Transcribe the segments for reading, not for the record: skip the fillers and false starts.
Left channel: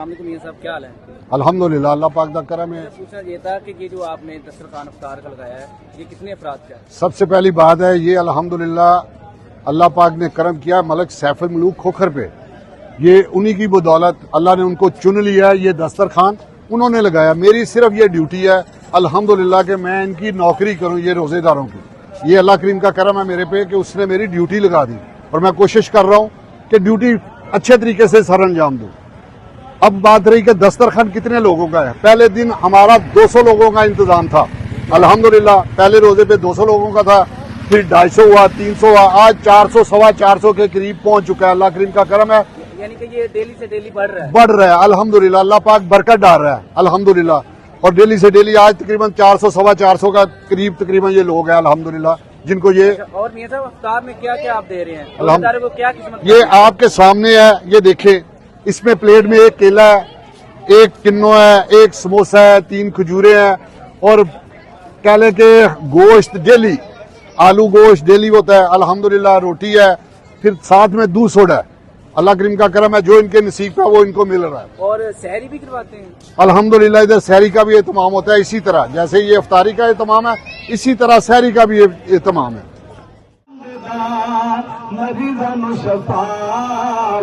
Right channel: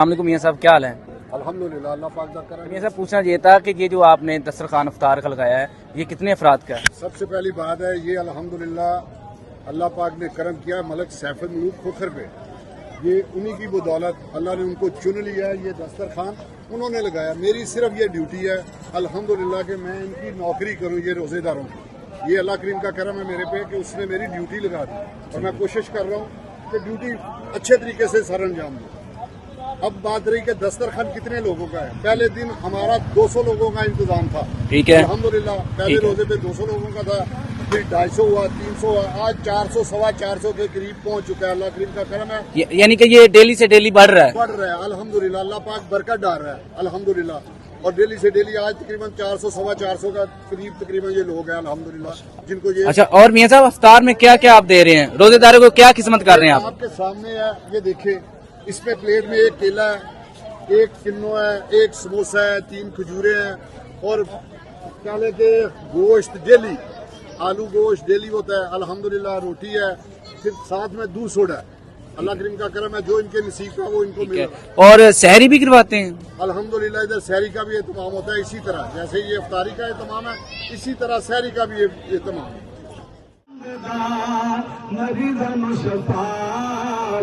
السلام علیکم میاں صاحب، کیا حال ہے؟ الحمدللہ اللہ پاک کا کرم میاں ہے۔ صاحب پوچھنا یہ تھا کہ یہ جو آپ نے دسترخوان افطار کا لگایا ہے یہ کتنے افراد کا ہے؟ سب سے پہلی بات ہے یہ الحمدللہ اللہ پاک نے کرم کیا ملک سیف الملوک کھوکھر پہ، یہ انہی کی بدولت اللہ نے ان کو چن لیا، یہ دسترخوان انہوں نے لگایا۔ میری صرف یہ ڈیوٹی ہے الحمدللہ کہ میں ان کی نوکری کروں، یہ روزے داروں کی۔ یہ اللہ کریم کا کرم ہے میرے پہ کہ اس نے میری ڈیوٹی لگا دی اور میں کوشش کر رہا ہوں کہ ڈیوٹی اچھے طریقے سے سر انجام دوں۔ اب بات رہی کہ دسترخوان کتنے لوگوں کا ہے، پہلے دن ہمارا 200 لوگوں کا انتظام تھا، ٹھیک ہے، الحمدللہ پہلے روزے پہ 200 لوگوں کا تھا، پھر 250 ہوا، 300 ہوا، آج 400 سوا 400 کے قریب پہنچ چکا ہے۔ اللہ کریم کا کرم ہے، یعنی کہ یہ ڈیلی سے ڈیلی بڑھ رہا ہے۔ بڑھ رہا ہے الحمدللہ، اللہ پاک برکت ڈال رہا ہے الحمدللہ، اور ڈیلی سے ڈیلی آج تقریباً 400 سوا 400 کا قریب تقریباً یہ لوگ ہیں الحمدللہ جن کو یہ اچھا، اور میاں صاحب افطار میں کیا کیا آپ دے رہے ہیں روزے داروں کو، کیا قسمت کر رہے یہ ہیں آپ کے سامنے ہے، یہ دیکھیں اس میں پلیٹ میں ایک کیلا ہے، ایک کنو ہے، ایک سموسہ ہے، 3 کھجورے ہیں، اور کہہ لیں کہ گوشت ڈیلی، آلو گوشت ڈیلی ہوتا ہے الحمدللہ، روٹی ہے، پھر ساتھ میں دودھ سوڈا ہے۔ اللہ کریم کا کرم ہے، جو ان کے نصیب کا وہ ان کو مل رہا ہے۔ اور سحری بھی کرواتے ہیں؟ الحمدللہ ادھر سحری کا بھی اہتمام ہوتا ہے، اسی طرح جیسے یہ افطاری کا اہتمام ہے اسی طرح سحری کا بھی اہتمام ہے۔ مریضاں نوں شفا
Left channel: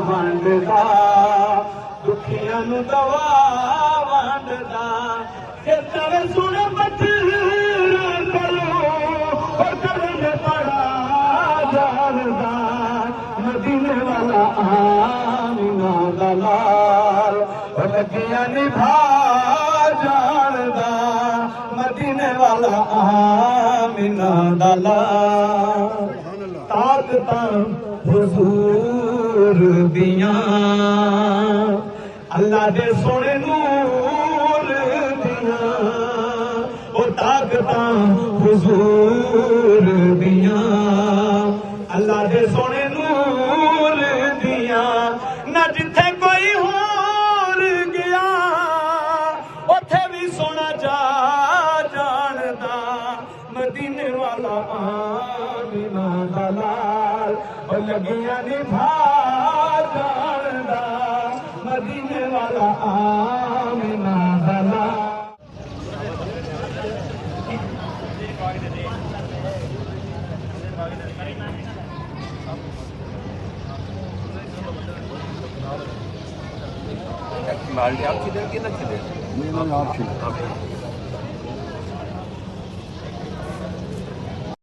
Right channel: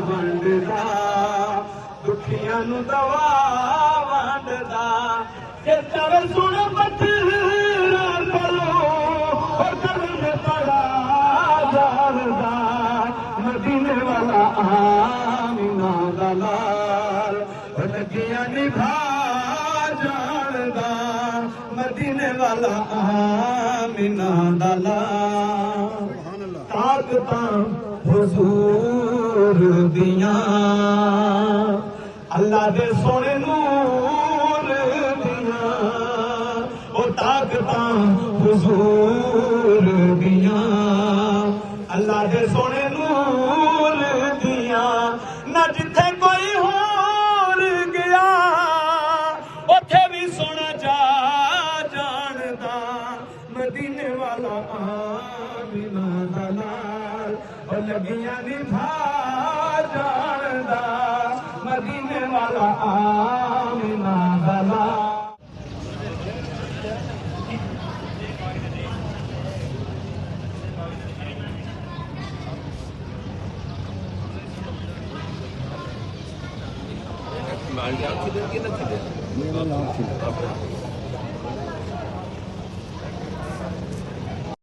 ونڈدا، دکھیاں نوں دوا ونڈدا، کہ تر سن بچڑا کرو او درد بڑا جاندا، مدینے والا آمینہ دا لال لگیا نبھا جاندا، مدینے والا آمینہ دا لال طاقتاں حضور دیاں، اللہ دے سونے نور دیاں، او طاقتاں حضور دیاں، اللہ دے سونے نور دیاں، نہ جتھے کوئی ہور گیا اوتھے بھی سونا جا جاندا، مدینے والا آمینہ دا لال او لگیاں نبھا جاندا، مدینے والا آمینہ دا لال۔ نہیں، آپ